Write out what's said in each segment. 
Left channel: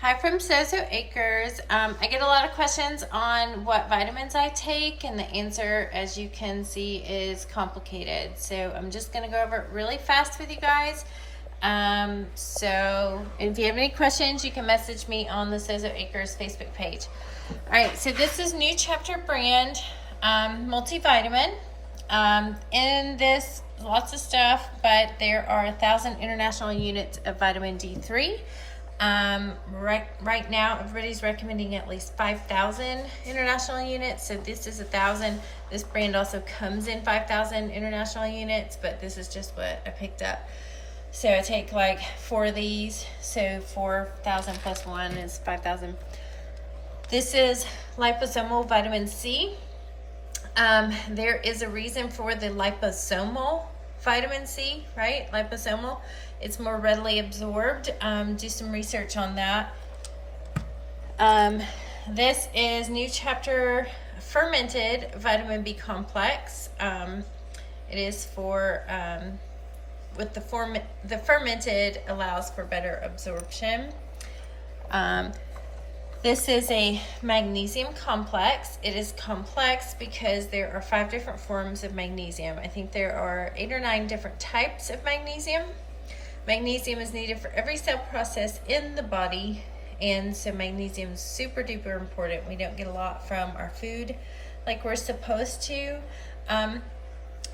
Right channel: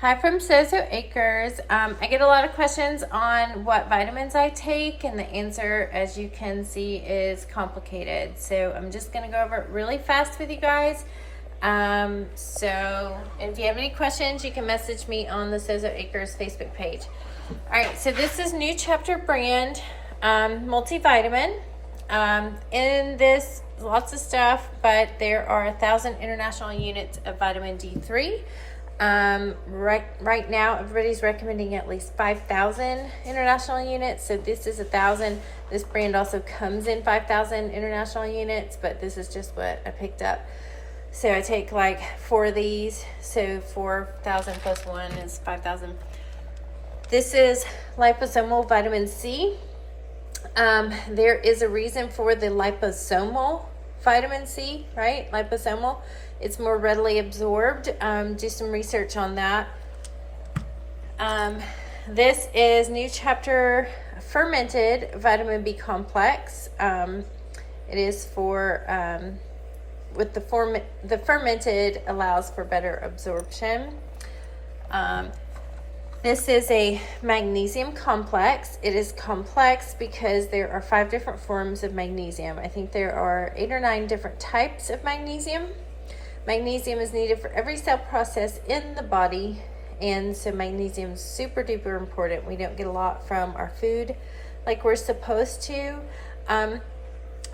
Hi from Sozo Acres. I get a lot of questions on what vitamins I take, and the answer, as you can see, is complicated. So I'm just going to go over it really fast with you guys. So if you have any questions, you can message me on the Sozo Acres Facebook page. All right, so this is New Chapter brand multivitamin. In this, lots of stuff, but there are 1,000 international units of vitamin D3. Right now everybody's recommending at least 5,000 international units, so this is 1,000. This brand also comes in 5,000 international units, but this is just what I picked up. So I take like 4 of these, so 4,000 plus 1 is 5,000. This is liposomal vitamin C. There is a reason for the liposomal vitamin C, right? Liposomal. It's more readily absorbed. Do some research on that. This is New Chapter fermented vitamin B complex. It is for, with the fermented allows for better absorption. This is a magnesium complex. It is complex because there are 5 different forms of magnesium. I think there are 8 or 9 different types of magnesium. Magnesium is needed for every cell process in the body, and so magnesium is super duper important. We don't get a lot from our food like we're supposed to.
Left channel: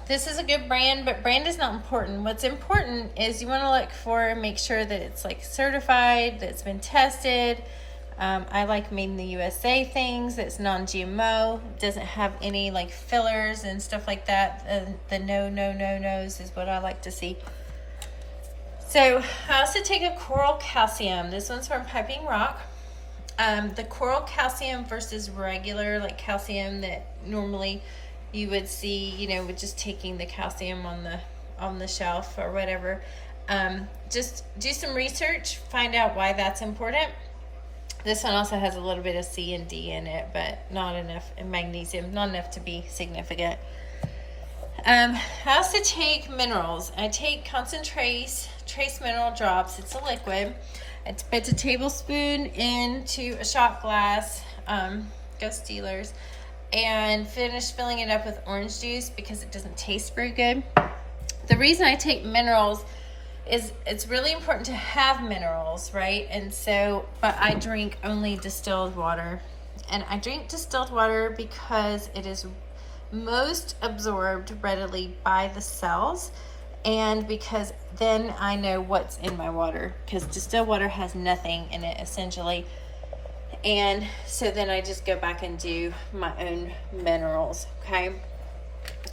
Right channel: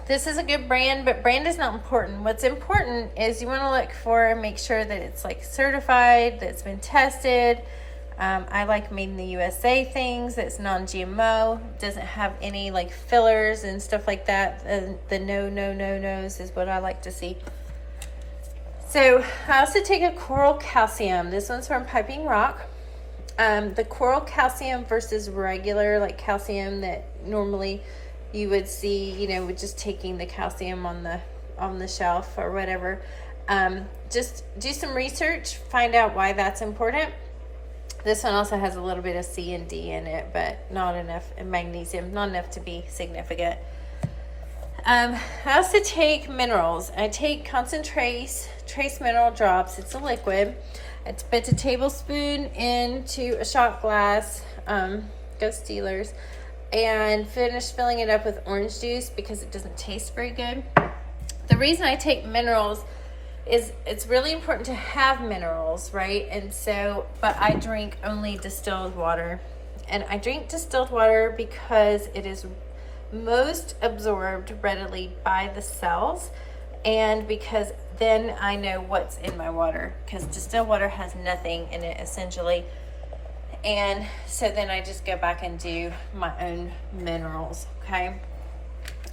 This is a good brand, but brand is not important. What's important is you want to look for, make sure that it's like certified, that it's been tested. I like made in the USA things that's non-GMO, doesn't have any like fillers and stuff like that. The no's is what I like to see. So I also take a coral calcium. This one's from Piping Rock. The coral calcium versus regular like calcium that normally you would see, you know, with just taking the calcium on the shelf or whatever. Just do some research, find out why that's important. This one also has a little bit of C and D in it, but not enough, and magnesium, not enough to be significant. I also take minerals. I take Concentrace Trace Mineral Drops. It's a liquid. It's put a tablespoon into a shot glass. Go Steelers. And finish filling it up with orange juice because it doesn't taste very good. The reason I take minerals is it's really important to have minerals, right? And so, but I drink only distilled water. And I drink distilled water because it is most absorbed readily by the cells, and because then I know what's in my water, because distilled water has nothing in it essentially. And so then I just go back and do my own minerals. Okay.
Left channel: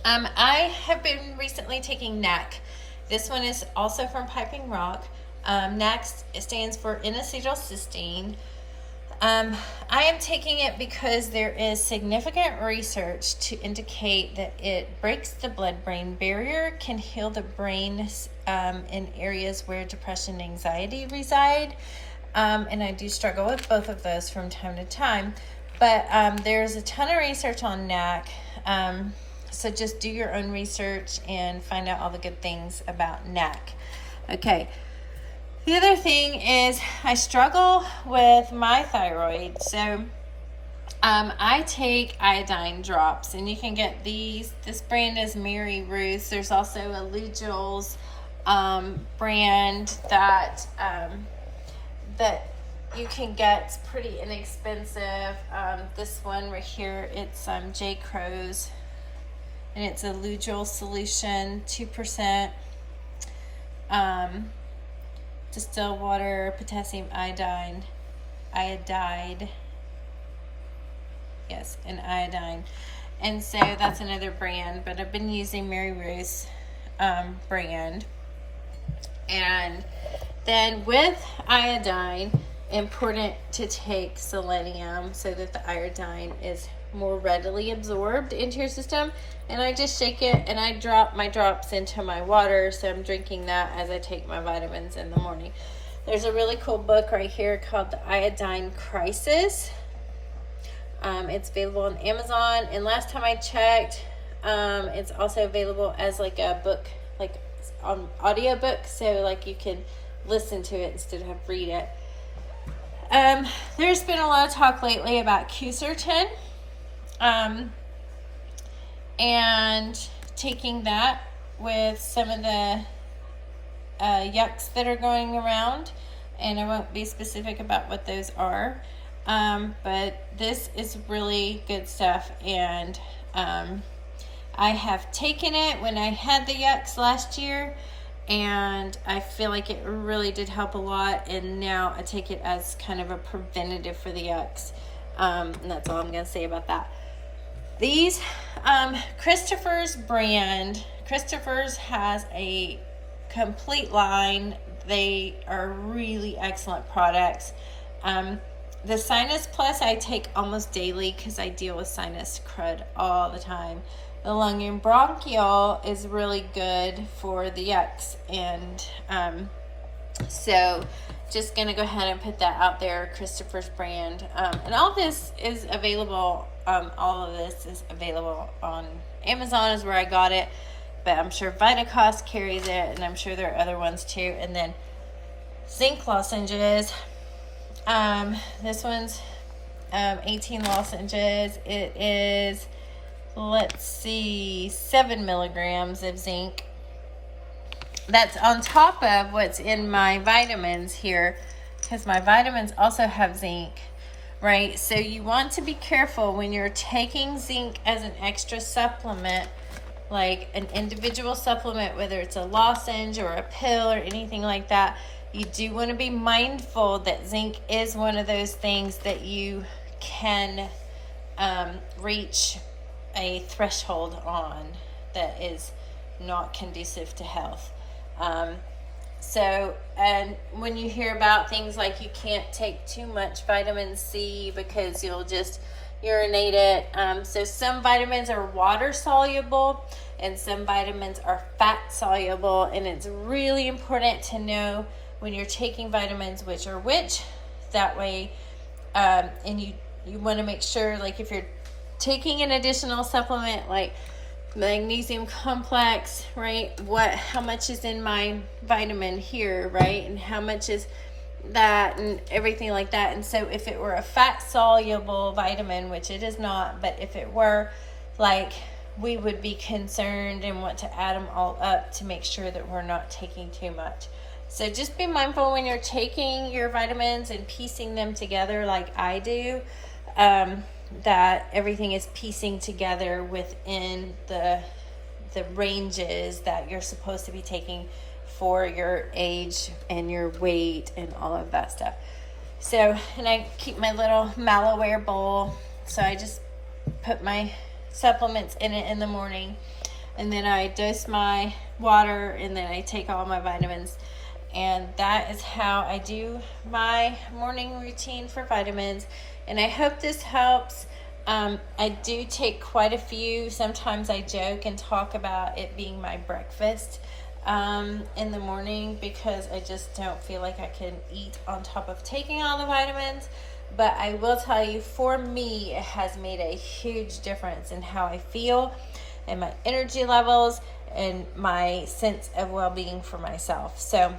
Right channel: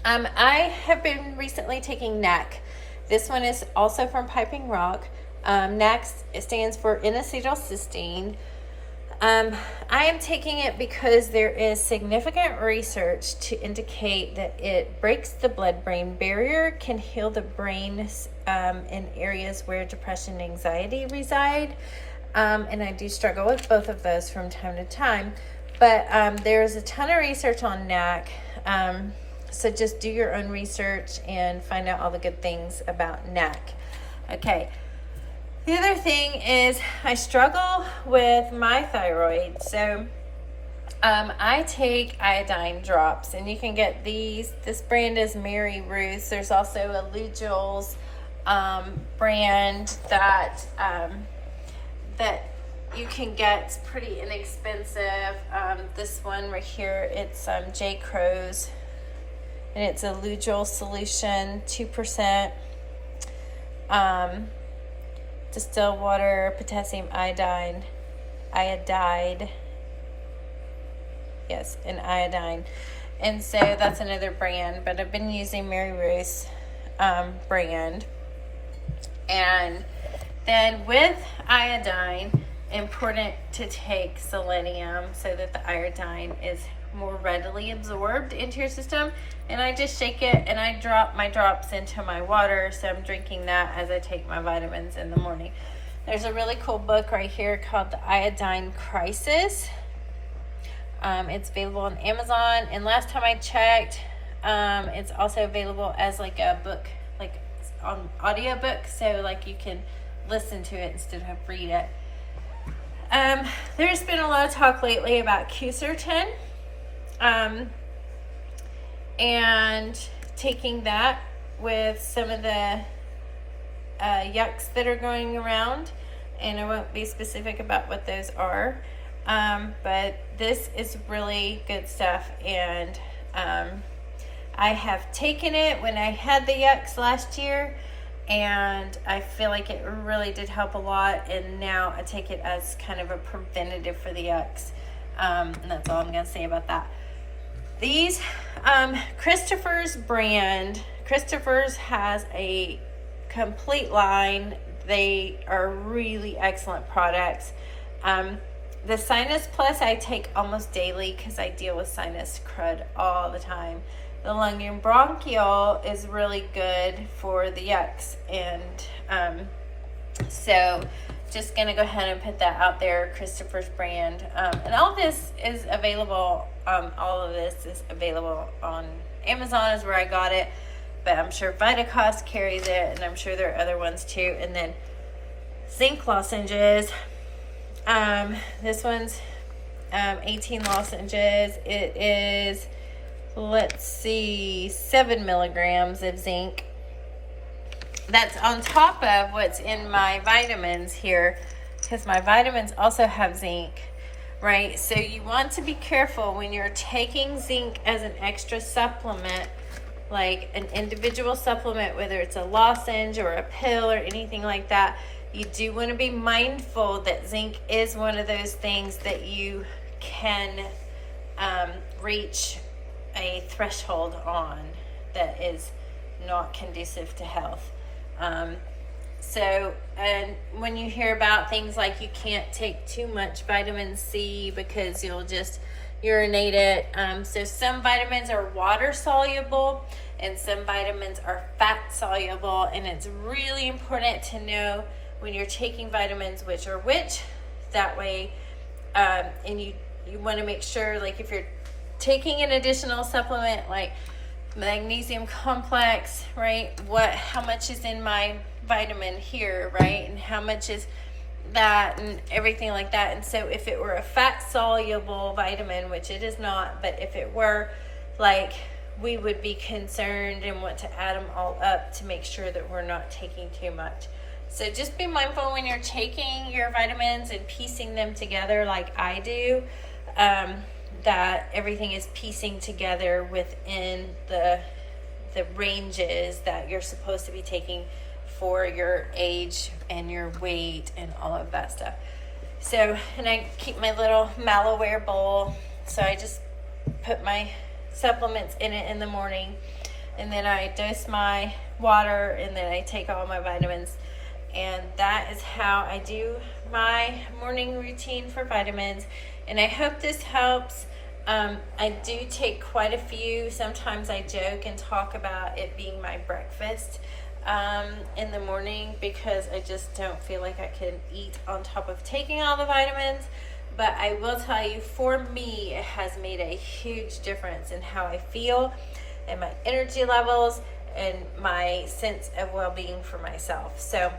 I have been recently taking NAC. This one is also from Piping Rock. NAC stands for N-acetylcysteine. I am taking it because there is significant research to indicate that it breaks the blood-brain barrier, can heal the brain in areas where depression and anxiety reside. And I do struggle with both of those from time to time. But there's a ton of research on NAC. So just do your own research and find out all the good things about NAC. Okay. The other thing is I struggle with my thyroid. So I take iodine drops, and you can get these. This brand is Mary Ruth. There's also a Lugol's brand that that you can get. It's pretty inexpensive. This one right here, it's J. Crow's, and it's a Lugol solution, 2%. Distilled water, potassium iodide, yes, and iodine. And so that's another brand, but I've been using Mary Ruth's brand. And then with iodine, important to take selenium so that the iodine is more readily absorbed into your system. And I just shake it and I drop my drops into my water, so I'm drinking that as I take my vitamins in the morning. There's a really cool book right here called The Iodine Crisis. It's available on Amazon, and last time I checked, it's also available as like a book, like on audiobook, so like you can listen to it instead of read it. There's been a lot of talk lately about Quercetin, and taking that with some of the yucks that are going around, and I won't be specific about what those are, but this is really good stuff, and I have taken it when I had the yucks last year, and I feel like it really did help a lot, and now I take it as kind of a preventative for the yucks, and that's all I'm going to say about that. These Christopher's brand, Christopher's has a complete line. They are really excellent products. The Sinus Plus I take almost daily because I deal with sinus crud all the time. The Lung and Bronchial is really good for the yucks, and so just gonna go ahead and put that out there, Christopher's brand, and all this is available. All of this is available on Amazon is where I got it, but I'm sure Vitacost carries it, and I'm sure there are other ones too. And then zinc lozenges. This one's 18 lozenges. It is, let's see, 7 milligrams of zinc. That's on top of what's in my vitamins here, because my vitamins also have zinc, right? So you want to be careful when you're taking zinc as an extra supplement, like an individual supplement, whether it's a lozenge or a pill or anything like that. You do want to be mindful that zinc is one of those things that you can reach a threshold on that is not conducive to health. And when you hear about things like you can't take too much vitamin C because you'll just urinate it. So some vitamins are water soluble and some vitamins are fat soluble, and it's really important to know when you're taking vitamins which are which. That way, and you want to make sure, like if you're taking an additional supplement like magnesium complex, right, how much is in my vitamin here, right, and how much is that, and everything like that. And so if it were a fat soluble vitamin, which it is not, but if it were, like, we would be concerned and want to add them all up to make sure that we're not taking too much. So just be mindful when you're taking your vitamins and piecing them together like I do, that everything is piecing together within the ranges that you're supposed to be taking for your age and your weight and all of that stuff. So, and I keep my little Malaware bowl, so I just put my supplements in it in the morning, and then I dose my water, and then I take all my vitamins. And that is how I do my morning routine for vitamins. And I hope this helps. I do take quite a few. Sometimes I joke and talk about it being my breakfast in the morning, because I just don't feel like I can eat on top of taking all the vitamins. But I will tell you, for me, it has made a huge difference in how I feel and my energy levels and my sense of well-being for myself. So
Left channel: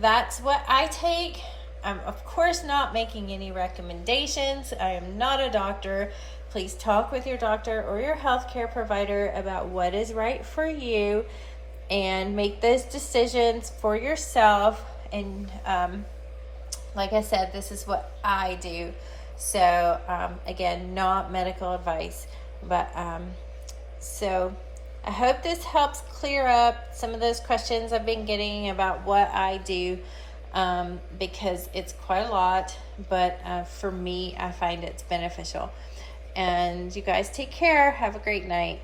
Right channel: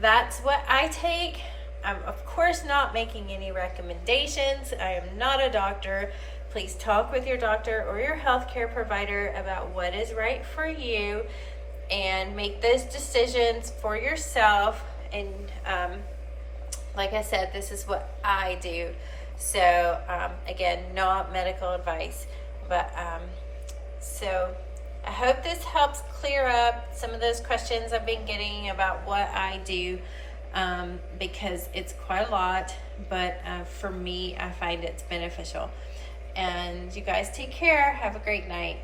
that's what I take. I'm of course not making any recommendations. I am not a doctor. Please talk with your doctor or your healthcare provider about what is right for you and make those decisions for yourself. And like I said, this is what I do. So again, not medical advice, but so I hope this helps clear up some of those questions I've been getting about what I do, because it's quite a lot, but for me, I find it's beneficial. And you guys take care. Have a great night.